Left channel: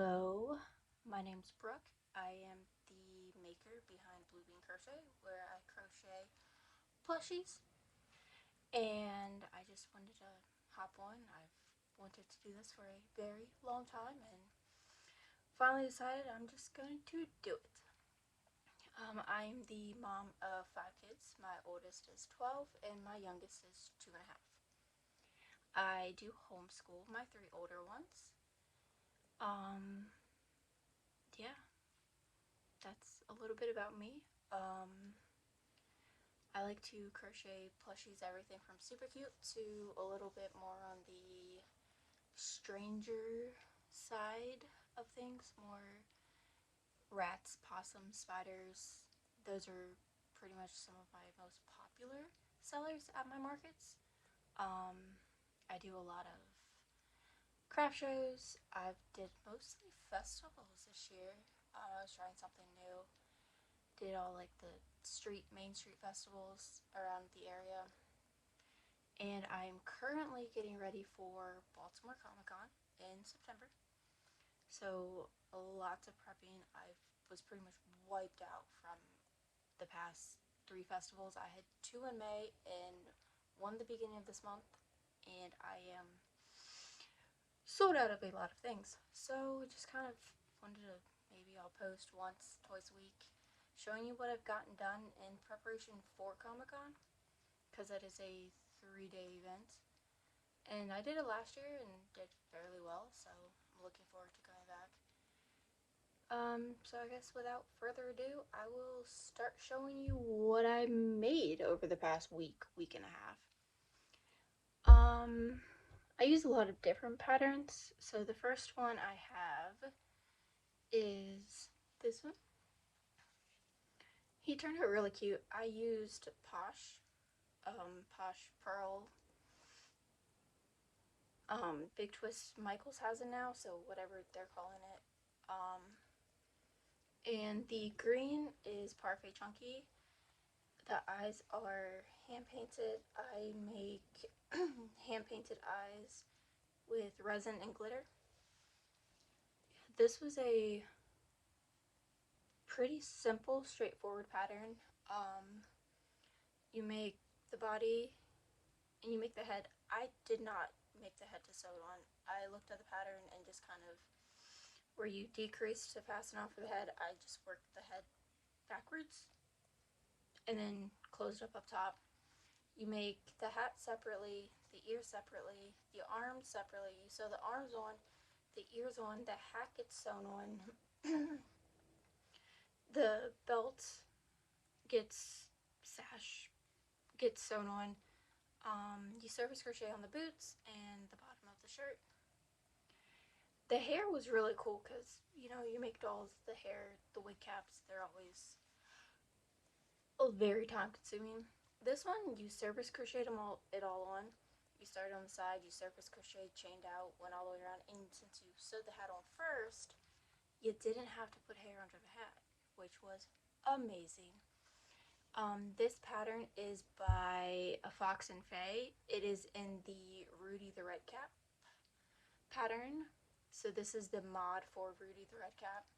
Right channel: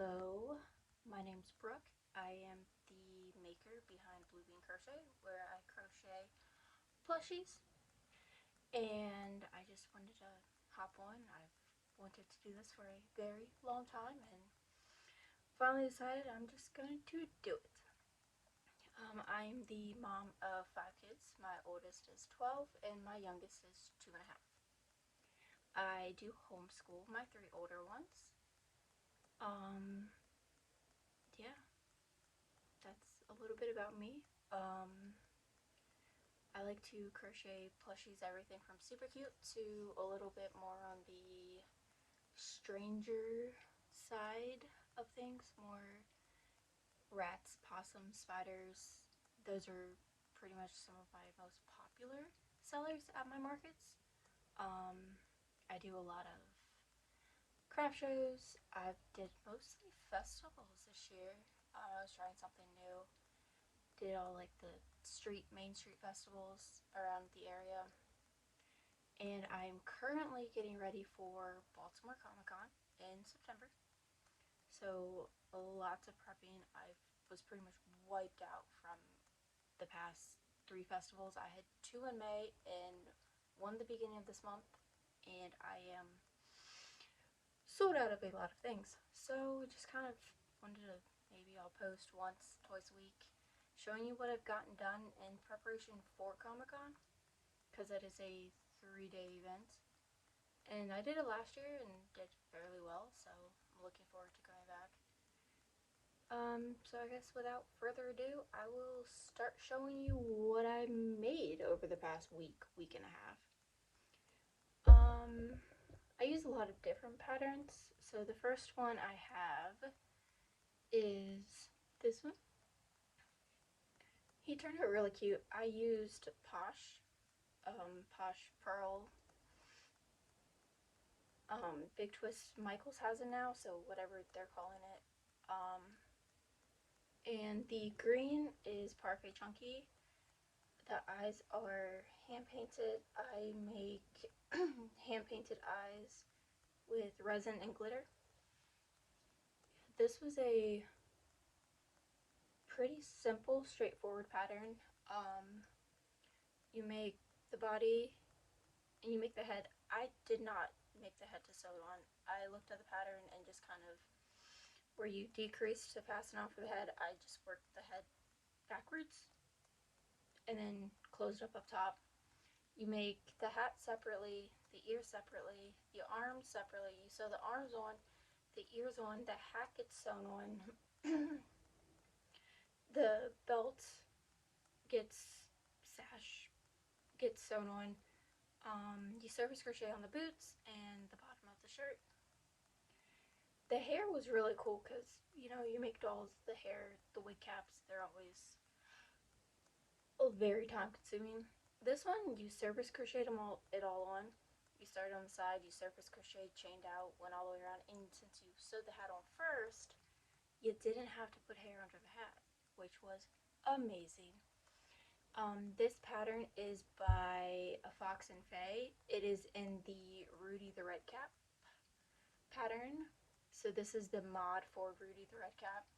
Hello, my name's Brooke. I am the maker behind Blue Bean Crochet, where I crochet plushies. And I just wanted to hop on. I've wanted to do this for a very long time and finally decided I'm just going to do it. I'm the mom of 5 kids. My oldest is 12 and my youngest is 2.5. I do homeschool my 3 older ones. Yeah, that's a little bit about me. I like to crochet plushies, everything from super cute to a little bit more on the stranger side of things, more rats, possums, spiders. Those are pretty much some of my most popular sellers at my markets. I do a lot of craft shows. I did mostly festivals this year. I was trying something new. Did all like the main street festivals around the area. And I'm currently getting ready for Baltimore Comic Con in September. So lots of prepping. I was pretty much wiped out from the past 3 festivals. I had 2 in May and 1 the beginning of this month, and I am sold out of a lot of things. So just kind of wanted to, maybe I'll post once, twice a week, showing you what I've gotten done in preparation for Comic Con, because that is a 3-day event. And I did it last year and did fairly well, so I'm looking forward to going back. So I guess without further ado, I will start showing you what I made over the past week and a half. I use a lot of different patterns. So the first one I have is this one. He turned out really cute. I used Posh Pearl. Big Twist Michaels has it now, so whatever they're calling it. And the green is Parfait Chunky. The eyes are hand painted. I make hand painted eyes with resin and glitter. This was a pretty simple, straightforward pattern. You make the body and you make the head. I did not make the head to sew on. I looked at the pattern and just kind of, where you decrease to fasten on for the head, I just worked the head backwards and then closed up top. You make the hat separately, the ears separately, the arms separately. You sew the arms on, the ears on, the hat gets sewn on, the belt gets sewn on. You surface crochet on the boots and the bottom of the shirt. The hair was really cool because, you know, you make dolls, the hair, the wig caps, they're always very time consuming. This one, you surface crocheted it all on. You started on the side, you surface crocheted, chained out, went all the way around, and since you sewed the hat on first, you didn't have to put hair under the hat, which was amazing. This pattern is by a Fox and Faye. It is in the Rudy the Redcap pattern. So this is the mod for Rudy the Redcap.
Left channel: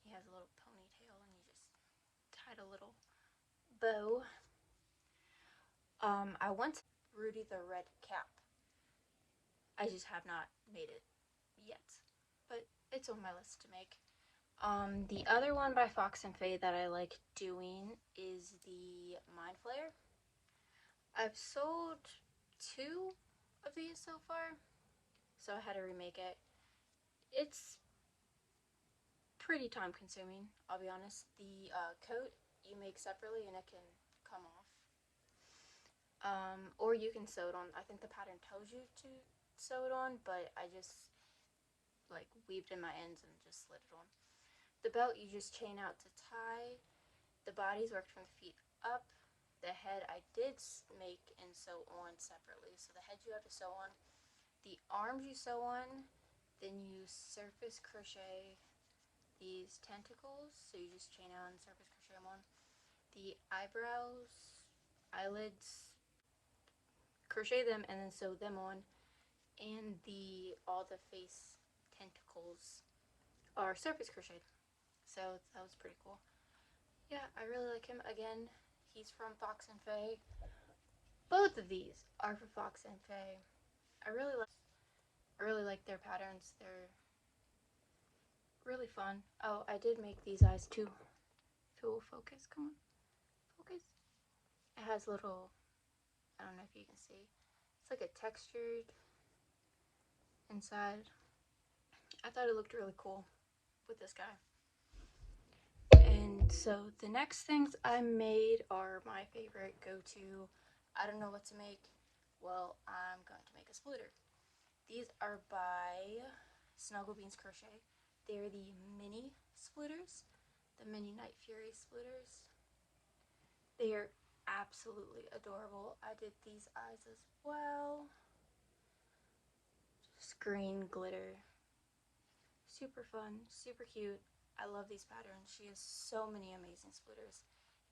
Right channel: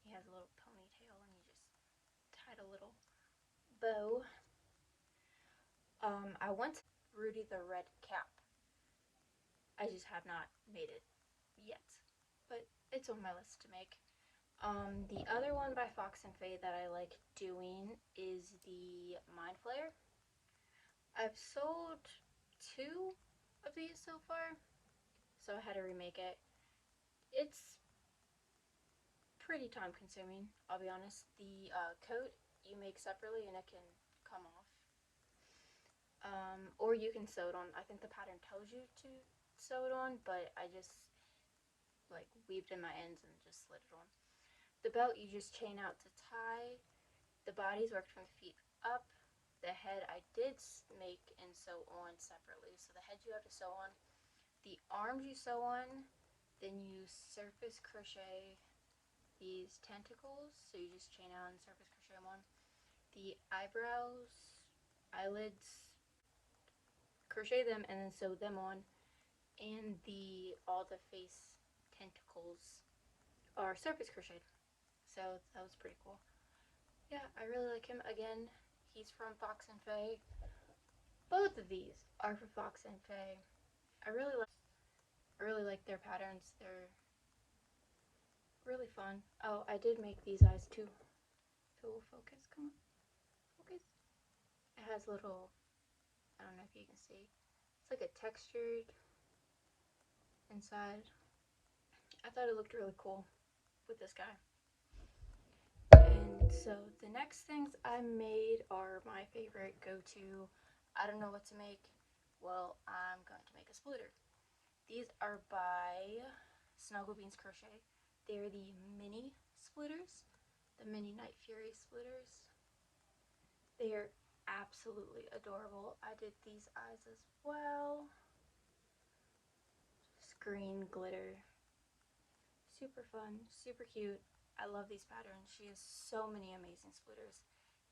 He has a little ponytail and you just tied a little bow. I want Rudy the Redcap. I just have not made it yet, but it's on my list to make. The other one by Fox and Faye that I like doing is the Mind Flayer. I've sold 2 of these so far, so I had to remake it. It's pretty time consuming, I'll be honest. The coat you make separately and it can come off. Or you can sew it on. I think the pattern tells you to sew it on, but I just like weaved in my ends and just slid it on. The belt you just chain out to tie. The body's worked from the feet up. The head I did make and sew on separately. So the head you have to sew on. The arms you sew on. Then you surface crochet these tentacles. So you just chain out and surface crochet them on. The eyebrows, eyelids, crochet them and then sew them on. And all the face tentacles are surface crocheted. So that was pretty cool. Yeah, I really like him. Again, he's from Fox and Faye. Both of these are for Fox and Faye. I really like their patterns. They're really fun. Oh, I did make these eyes too. If it will focus, come on, focus. It has little, I don't know if you can see. It's like a textured inside. I thought it looked really cool with this guy. And so the next things I made are my favorite go-to. I don't know what to make. Well, I'm going to make a splitter. These are by Snuggle Beans Crochet. They're the mini splitters, the mini Night Fury splitters. They are absolutely adorable. I did these eyes as well. Just green glitter. Super fun, super cute. I love these patterns. She has so many amazing splitters,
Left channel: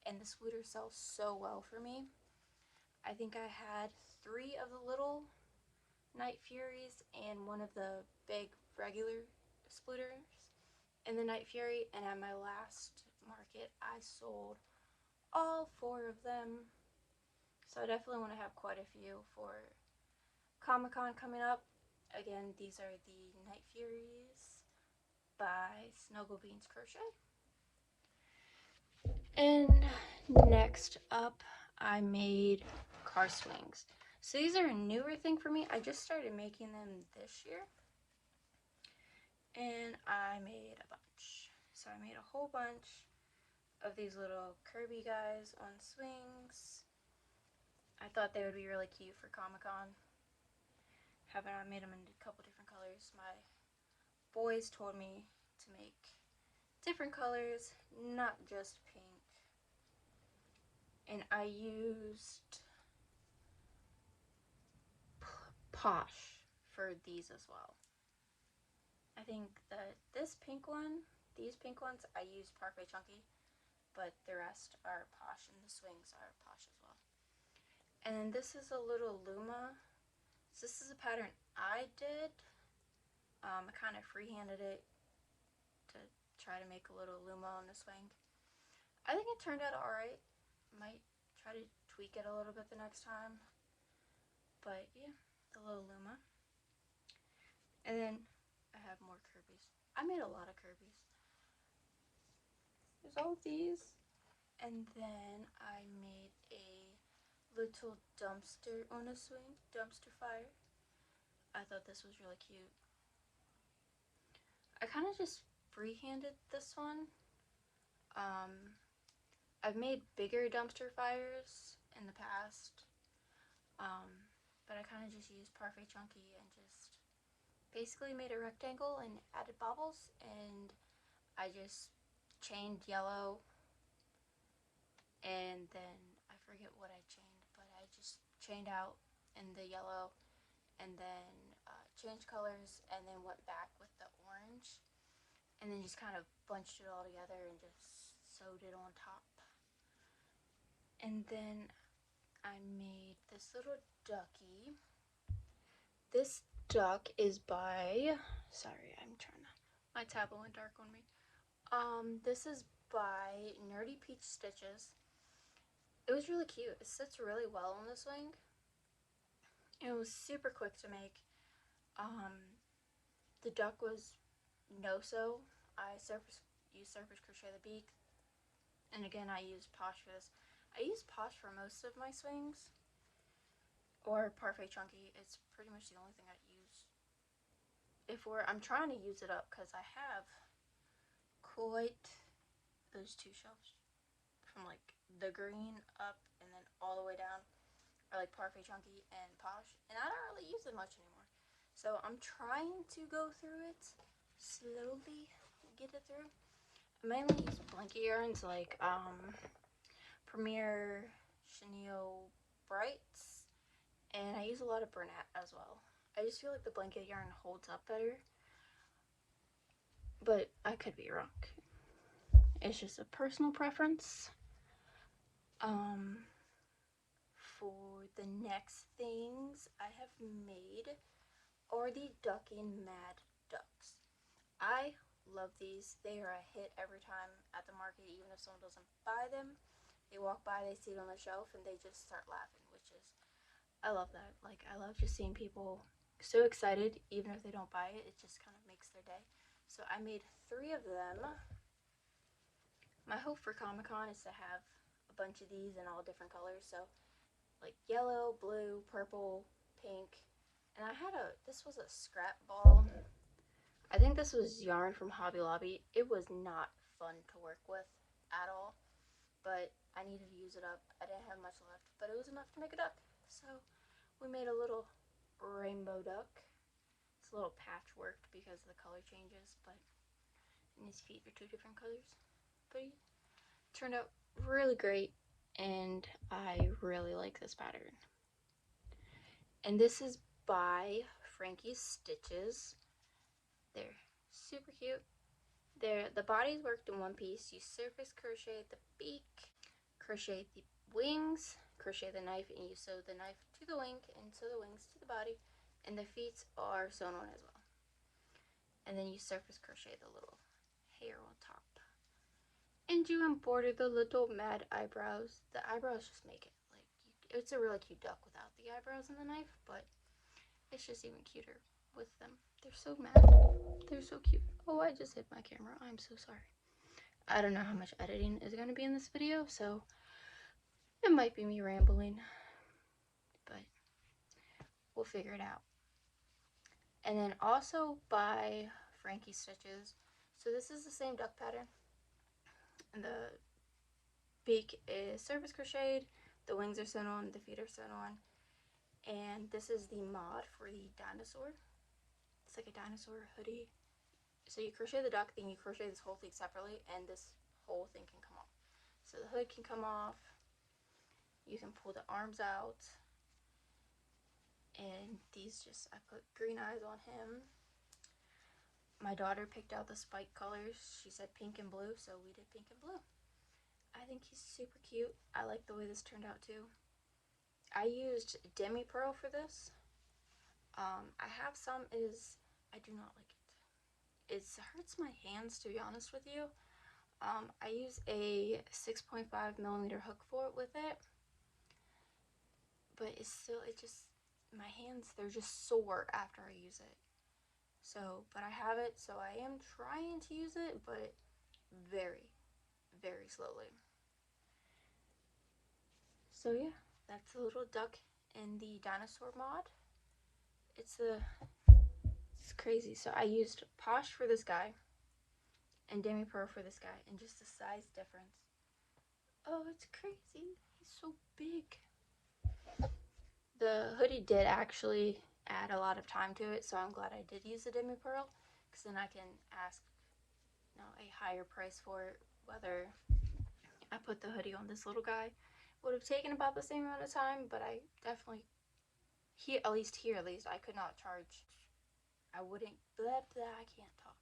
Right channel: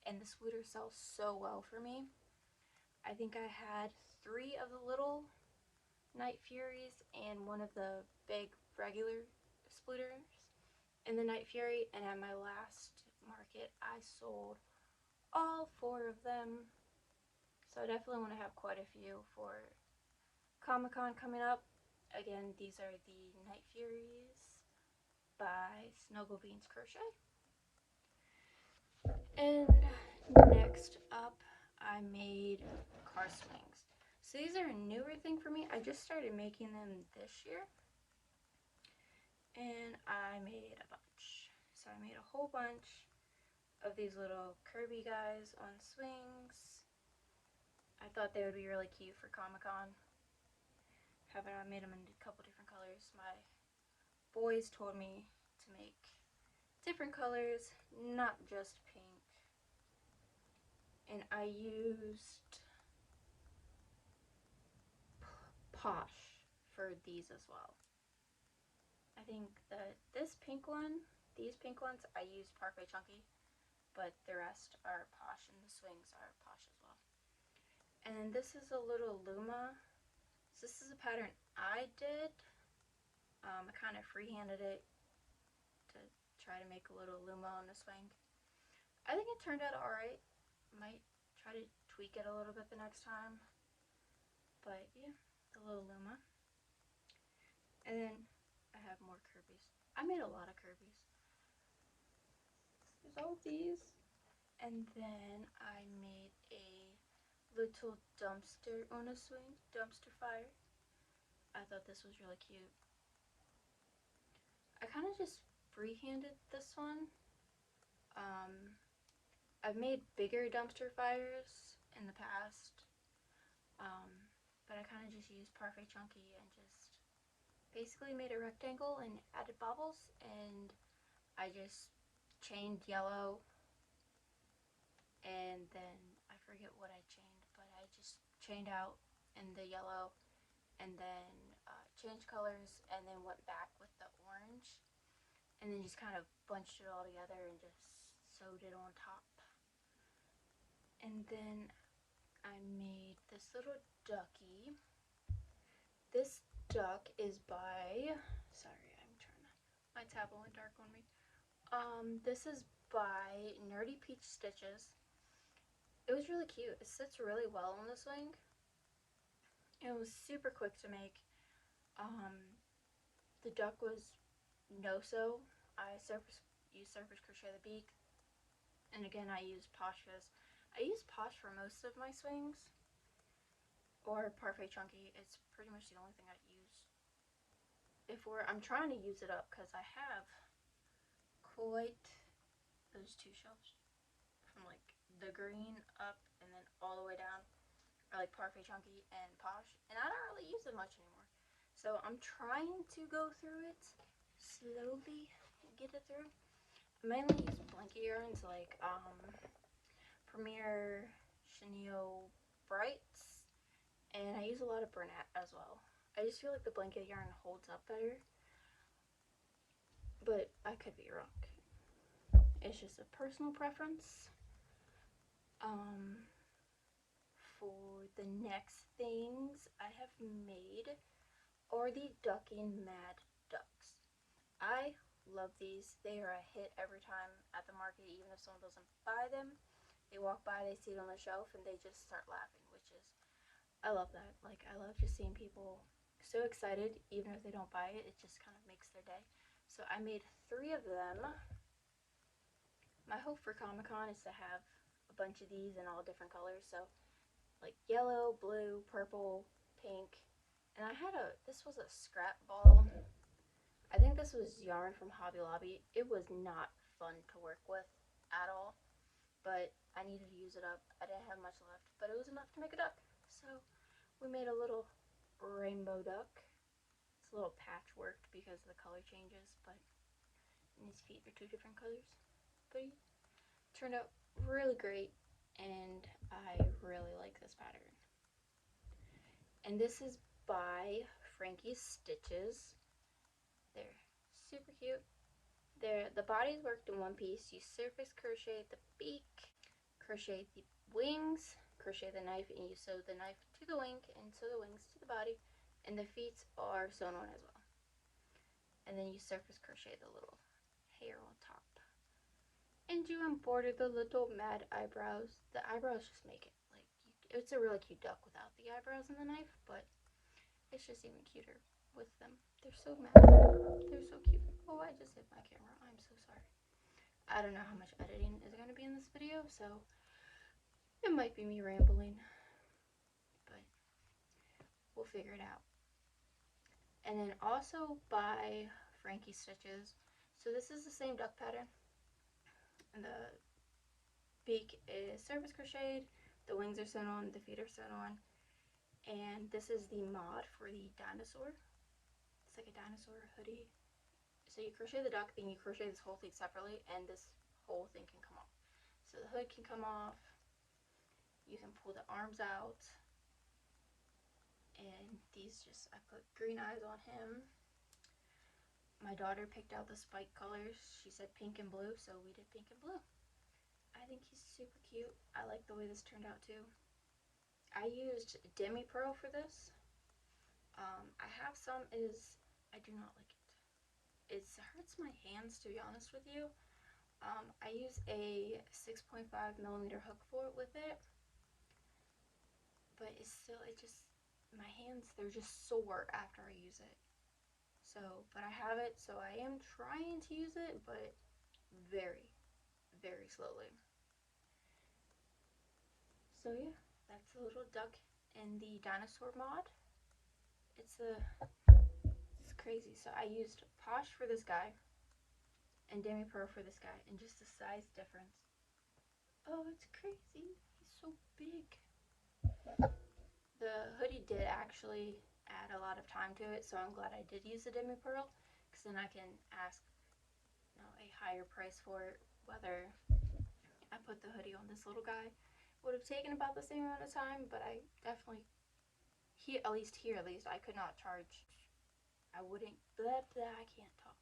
and the splitter sells so well for me. I think I had 3 of the little Night Furies and 1 of the big regular splitters in the Night Fury, and at my last market I sold all 4 of them. So I definitely want to have quite a few for Comic-Con coming up. Again, these are the Night Furies by Snuggle Beans Crochet. And next up, I made car swings. So these are a newer thing for me. I just started making them this year. And I made a bunch. So I made a whole bunch of these little Kirby guys on swings. I thought they would be really cute for Comic-Con. I made them in a couple different colors. My boys told me to make different colors, not just pink. And I used Posh for these as well. I think that this pink one, these pink ones, I used Parfait Chunky, but the rest are Posh, and the swings are Posh as well. And then this is a little Luma. So this is a pattern I did. I kind of freehanded it to try to make a little Luma on the swing. I think it turned out alright. Might try to tweak it a little bit the next time. But yeah, the little Luma. And then I have more Kirby's. I made a lot of Kirby's. There's all of these. And then I made a little dumpster on a swing, dumpster fire. I thought this was really cute. I kind of just freehanded this one. I've made bigger dumpster fires in the past, but I kind of just used Parfait Chunky and just basically made a rectangle and added bobbles, and I just chained yellow, and then I forget what I chained, but I just chained out in the yellow, and then changed colors, and then went back with the orange, and then just kind of bunched it all together and just sewed it on top. And then I made this little ducky. This duck is by, sorry, my tablet went dark on me. This is by Nerdy Peach Stitches. It was really cute. It sits really well on the swing. It was super quick to make. The duck was no-sew. I used surface crochet the beak. And again, I used Posh for this. I use Posh for most of my swings, or Parfait Chunky. It's pretty much the only thing I use. I'm trying to use it up because I have quite those 2 shelves from like the green up and then all the way down are like Parfait Chunky and Posh, and I don't really use it much anymore. So I'm trying to go through it slowly, get it through. I mainly use blanket yarns like Premier Chenille Brights, and I use a lot of Bernat as well. I just feel like the blanket yarn holds up better, but I could be wrong. It's just a personal preference. For the next things I have made are the Ducking Mad Ducks. I love love these. They are a hit every time at the market, even if someone doesn't buy them. They walk by, they see it on the shelf, and they just start laughing, which is, I love that. Like, I love just seeing people so excited, even if they don't buy it. It just kind of makes their day. So I made 3 of them. My hope for Comic-Con is to have a bunch of these in all different colors. So like yellow, blue, purple, pink. And I had this was a scrap ball. I think this was yarn from Hobby Lobby. It was not fun to work with at all, but I needed to use it up. I didn't have much left, but it was enough to make a duck. So we made a little rainbow duck. It's a little patchworked because the color changes, but and his feet are 2 different colors. But it turned out really great, and I really like this pattern. And this is by Frankie's Stitches. They're super cute. The body's worked in one piece. You surface crochet the beak, crochet the wings, crochet the knife, and you sew the knife to the wing and sew the wings to the body, and the feet are sewn on as well. And then you surface crochet the little hair on top. And you embroider the little mad eyebrows. The eyebrows just make it like, it's a really cute duck without the eyebrows and the knife, but it's just even cuter with them. They're so mad. They're so cute. Oh, I just hit my camera. I'm so sorry. I don't know how much editing is going to be in this video, so it might be me rambling, but we'll figure it out. And then also by Frankie Stitches. So this is the same duck pattern. And the beak is surface crocheted, the wings are sewn on, the feet are sewn on. And this is the mod for the dinosaur. It's like a dinosaur hoodie. So you crochet the duck, then you crochet this whole thing separately, and this whole thing can come off. So the hood can come off, you can pull the arms out, and these just, I put green eyes on him. My daughter picked out the spike colors. She said pink and blue, so we did pink and blue. I think he's super cute. I like the way this turned out too. I used demi pearl for this. I have some, I do not like it. It hurts my hands, to be honest with you. I use a 6.5 millimeter hook for it with it, but it's still, my hands, they're just sore after I use it. So, but I have it, so I am trying to use it, but very, very slowly. So yeah, that's a little duck in the dinosaur mod. It's crazy. So I used Posh for this guy and Demi Pearl for this guy, and just the size difference. Oh, it's crazy. He's so big. The hoodie did actually add a lot of time to it, so I'm glad I did use the Demi Pearl, because then I can ask a higher price for it. Whether I put the hoodie on this little guy, would have taken about the same amount of time, but I definitely, at least I could not charge. I wouldn't, I can't talk.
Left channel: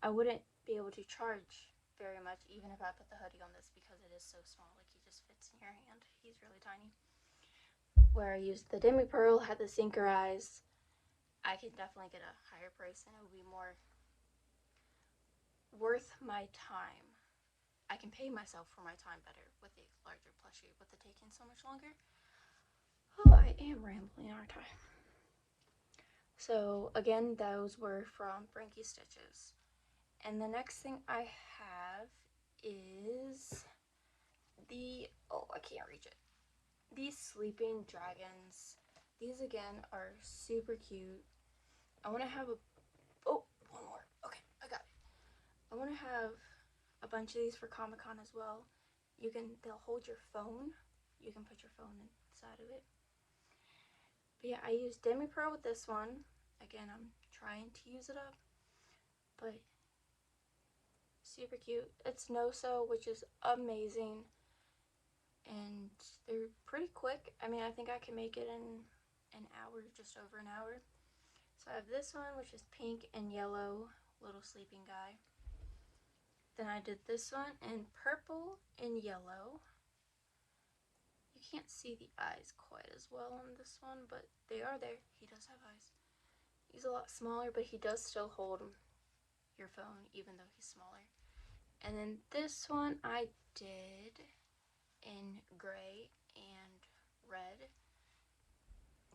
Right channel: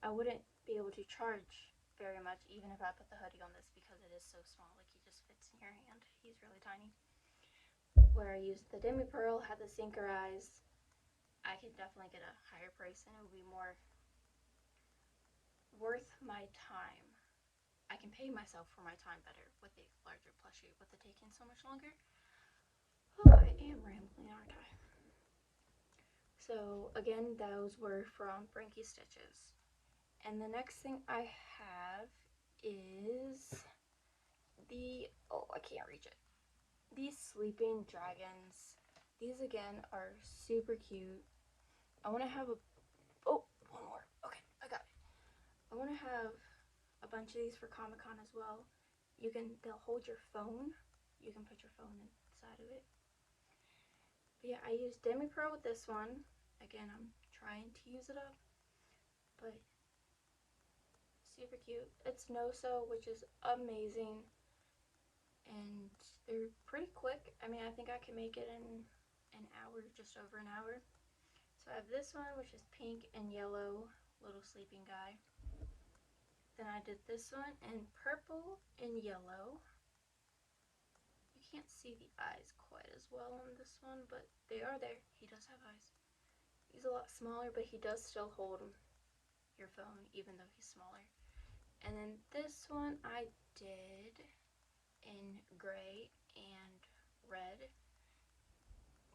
I wouldn't be able to charge very much even if I put the hoodie on this, because it is so small. Like, he just fits in your hand. He's really tiny. Where I used the Demi Pearl, had the sinker eyes, I could definitely get a higher price and it would be more worth my time. I can pay myself for my time better with the larger plushie, with it taking so much longer. Oh, I am rambling, aren't I? So again, those were from Frankie Stitches. And the next thing I have is I can't reach it. These sleeping dragons. These again are super cute. I want to have one more. Okay, I got it. I want to have a bunch of these for Comic-Con as well. They'll hold your phone. You can put your phone inside of it. But yeah, I used Demi Pearl with this one. Again, I'm trying to use it up, but super cute. It's no-sew, which is amazing, and they're pretty quick. I mean, I think I can make it in an hour, just over an hour. So I have this one, which is pink and yellow, little sleeping guy. Then I did this one in purple and yellow. You can't see the eyes quite as well on this one, but they are there. He does have eyes. He's a lot smaller, but he does still hold your phone even though he's smaller. And then this one I did in gray and red.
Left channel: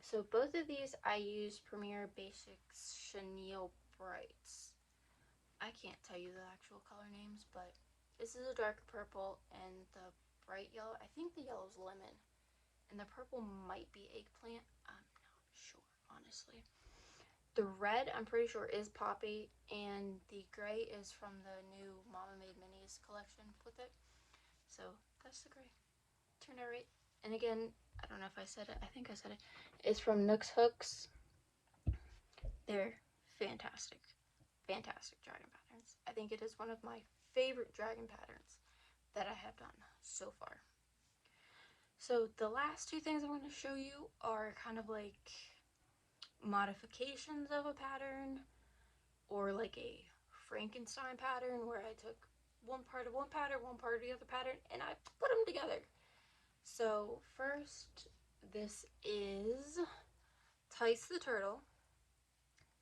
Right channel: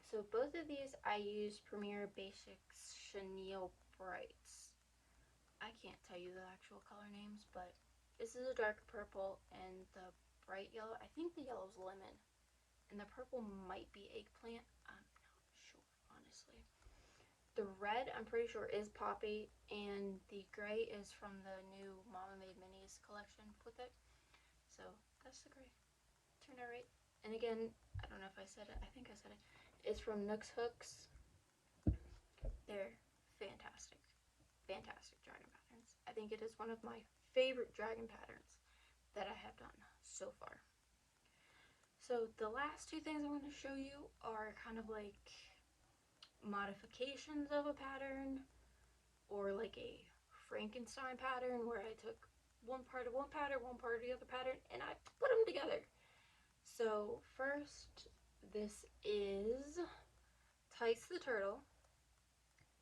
So both of these I used Premier Basics Chenille Brights. I can't tell you the actual color names, but this is a dark purple and the bright yellow. I think the yellow is lemon. And the purple might be eggplant. I'm not sure, honestly. The red, I'm pretty sure, is poppy, and the gray is from the new Mama Made Minis collection with it. So that's the gray. Turn it right. And again, I don't know if I said it. I think I said it. It's from Nooks Hooks. They're fantastic. Fantastic dragon patterns. I think it is one of my favorite dragon patterns that I have done so far. So the last two things I want to show you are kind of like modifications of a pattern, or like a Frankenstein pattern where I took one part of one pattern, one part of the other pattern, and I put them together. So first, this is Tice the Turtle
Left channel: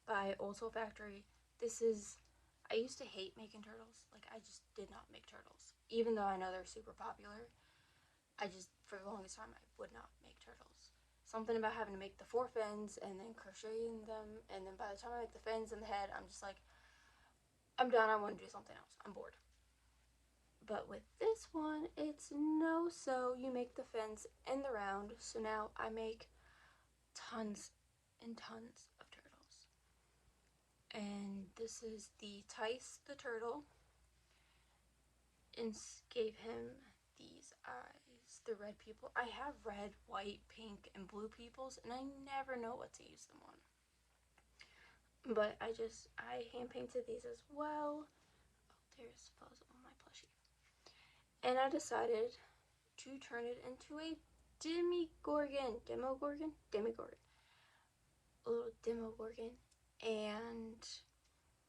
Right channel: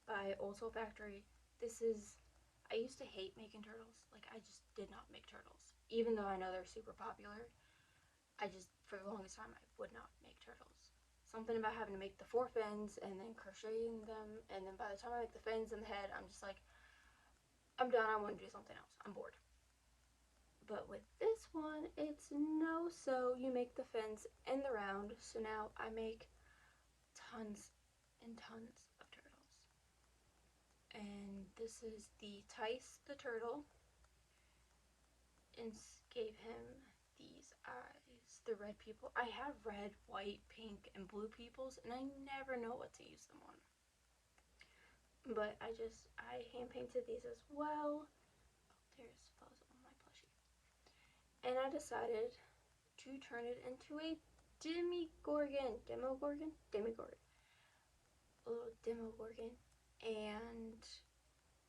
by Old Soul Factory. This is, I used to hate making turtles. Like, I just did not make turtles. Even though I know they're super popular, I just, for the longest time, I would not make turtles. Something about having to make the 4 fins and then crocheting them, and then by the time I make the fins and the head, I'm just like, I'm done, I want to do something else. I'm bored. But with this one, it's no so. You make the fins in the round, so now I make tons and tons of turtles. And this is the Tice the Turtle, and gave him these eyes, the red people. I have red, white, pink, and blue peoples, and I never know what to use them on. But I hand painted these as well. Oh, there's photos on my plushie. And I decided to turn it into a Demogorgon. A little Demogorgon. And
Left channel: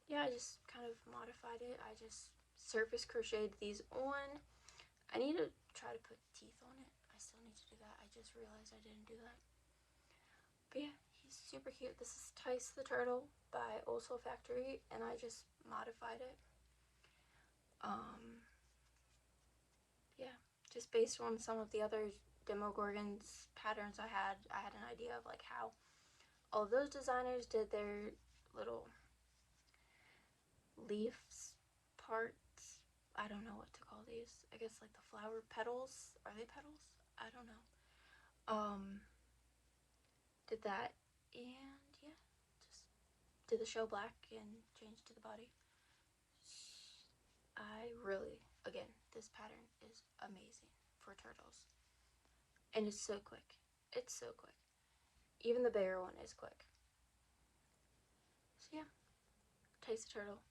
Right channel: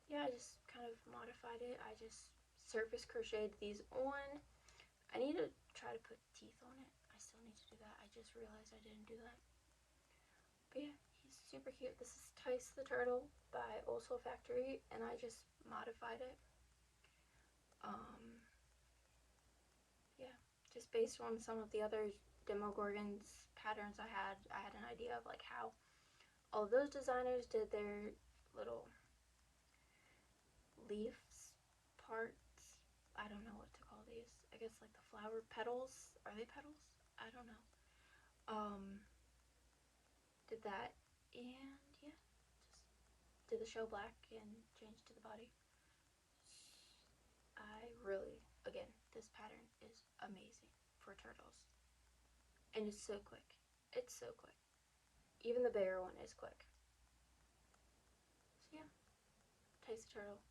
yeah, I just kind of modified it. I just surface crocheted these on. I need to try to put teeth on it. I still need to do that. I just realized I didn't do that. But yeah, he's super cute. This is Tice the Turtle by Old Soul Factory, and I just modified it. Yeah, just based on some of the other Demogorgons patterns I had an idea of like how all those designers did their little leaves parts. I don't know what to call these. I guess like the flower petals. Are they petals? I don't know. Did that, and yeah, just did the shell black and changed to the body. I really, again, this pattern is amazing for turtles. And it's so quick. It's so quick. Even the bigger one is quick. So yeah, Tice the Turtle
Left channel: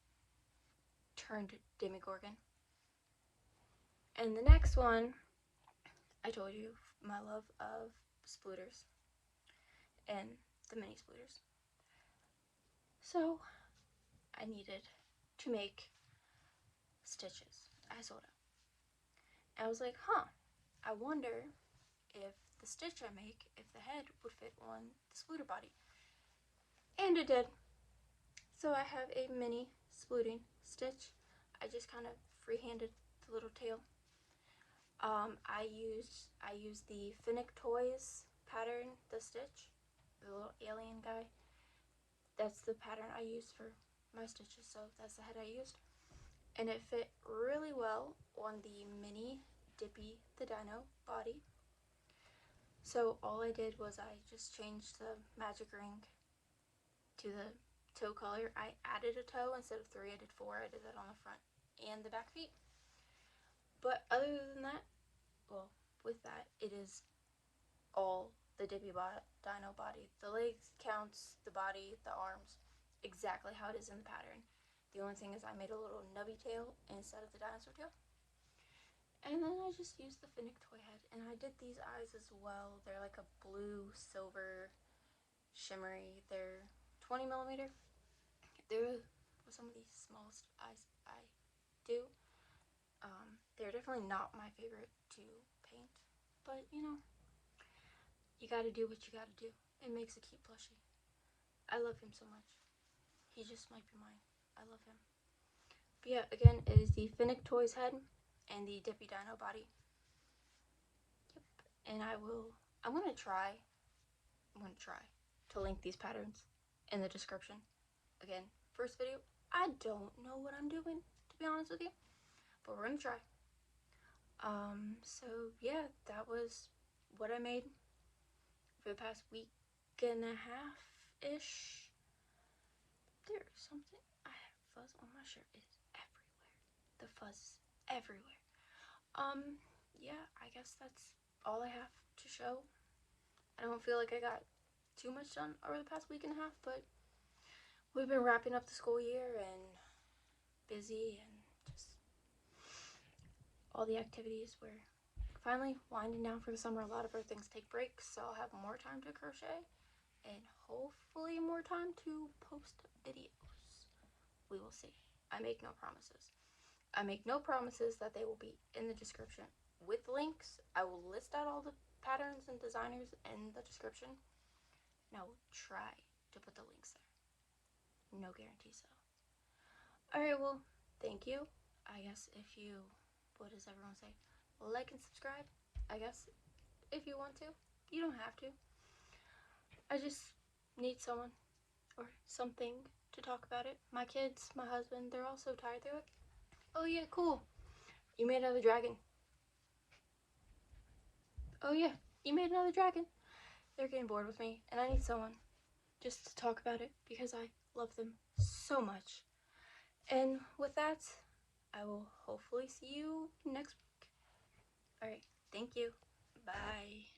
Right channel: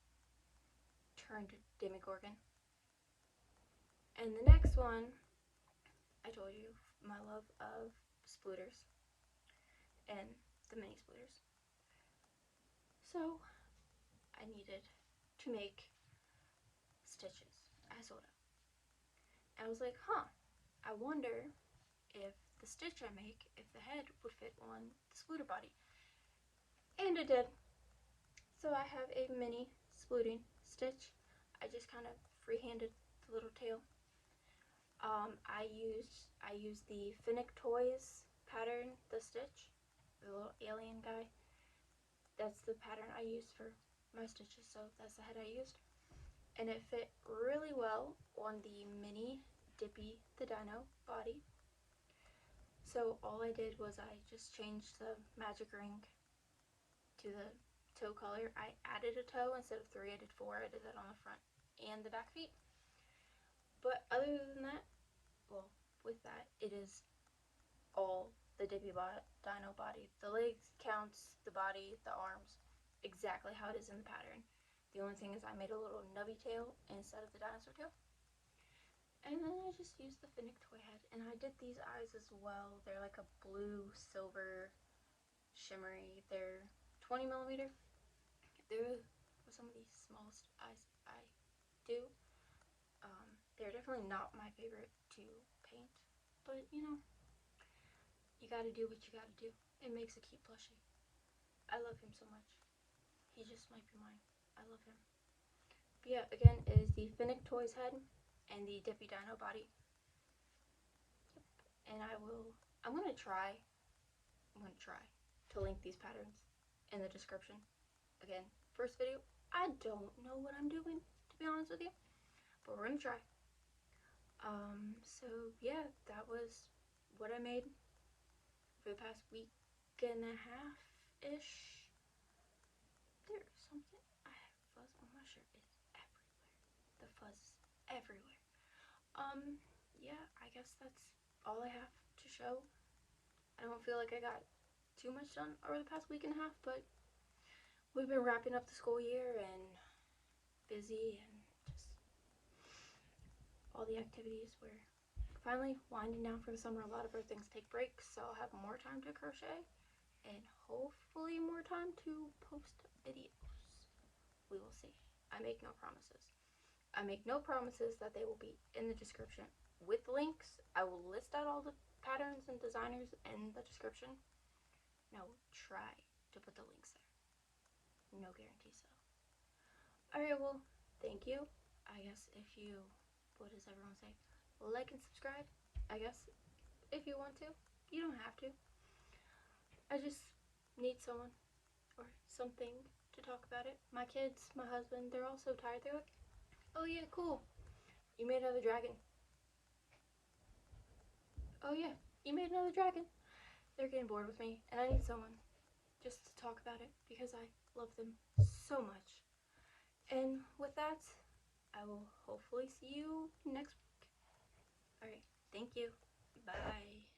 turned Demogorgon. And the next one, I told you my love of splooters and the mini splooters. So I needed to make stitches. I sold it. And I was like, I wonder if the stitch I make, if the head would fit on the splooter body. And it did. So I have a mini splooting stitch. I just kind of freehanded the little tail. I use the Finnick Toys pattern, the stitch, the little alien guy. That's the pattern I used for my stitches, so that's the head I used. And it fit really well on the mini Dippy the Dino body. So all I did was I just changed the magic ring to the toe color. I added a toe instead of 3, I did 4. I did that on the front and the back feet. But other than that, well, with that, it is all the Dippy Dino body. The legs counts, the body, the arms, exactly how it is in the pattern. The only thing is I made a little nubby tail instead of the dinosaur tail. And then I just used the Finnick toy head, and I did these eyes as well. They're like a blue, silver, shimmery. They're 20mm. They're some of the smallest eyes I do. They're definitely not my favorite to paint, but you know, you gotta do what you gotta do. It makes a cute plushie. I love him so much. He just might be mine. I love him. But yeah, again, it is the Finnick Toys head and the Dippy Dino body. Yep. And I'm gonna try to link these patterns in the description. Again, first video, I don't know what I'm doing, to be honest with you, but we're gonna try. So yeah, that was what I made for the past week and a half-ish. There's something, I have fuzz on my shirt, it's everywhere. The fuzz is everywhere. Yeah, I guess that's all I have to show. I don't feel like I got too much done over the past week and a half, but we've been wrapping up the school year and busy and just all the activities. We're finally winding down for the summer. A lot of our things take breaks, so I'll have more time to crochet and hopefully more time to post videos. We will see. I make no promises. I make no promises that they will be in the description with links. I will list out all the patterns and designers in the description. Now try to put the links there. No guarantees though. Alright, well, thank you. I guess if you, what does everyone say? Like and subscribe, I guess, if you want to. You don't have to. I just need someone or something to talk about it. My kids, my husband, they're all so tired. They're like, oh yeah, cool. You made another dragon. Oh yeah, you made another dragon. They're getting bored with me, and I need someone just to talk about it because I love them so much. And with that, I will hopefully see you next week. Alright, thank you. Bye.